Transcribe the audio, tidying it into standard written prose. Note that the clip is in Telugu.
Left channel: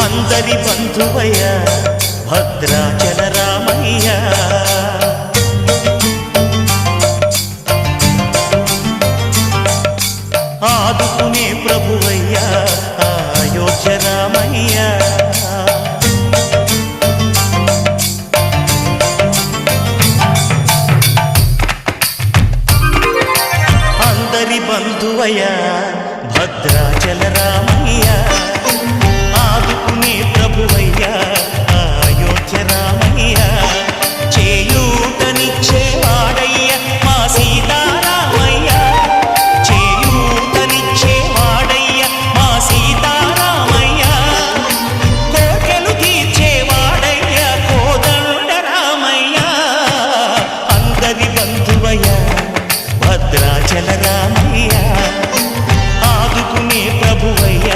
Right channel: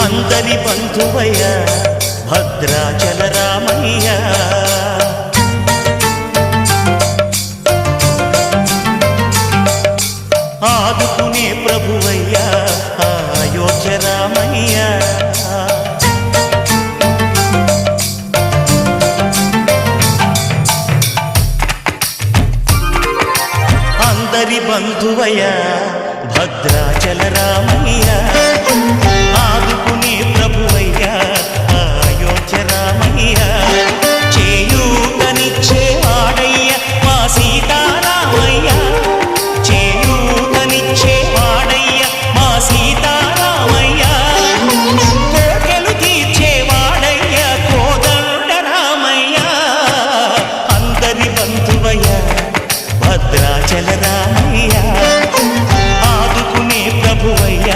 అందరి బంధువయ్య భద్రాచల రామయ్య ఆదుకునే ప్రభువయ్య అయోధ్య రామయ్య అందరి బంధువయ్య భద్రాచల రామయ్య ఆదుకునే ప్రభువయ్య అయోధ్య రామయ్య చేయూతనిచ్చేవాడయ్య మా సీతారామయ్య చేయూతనిచ్చేవాడయ్య మా సీతారామయ్య కోర్కెలు తీర్చేవాడయ్య కోదండ రామయ్య అందరి బంధువయ్య భద్రాచల రామయ్య ఆదుకునే ప్రభువయ్య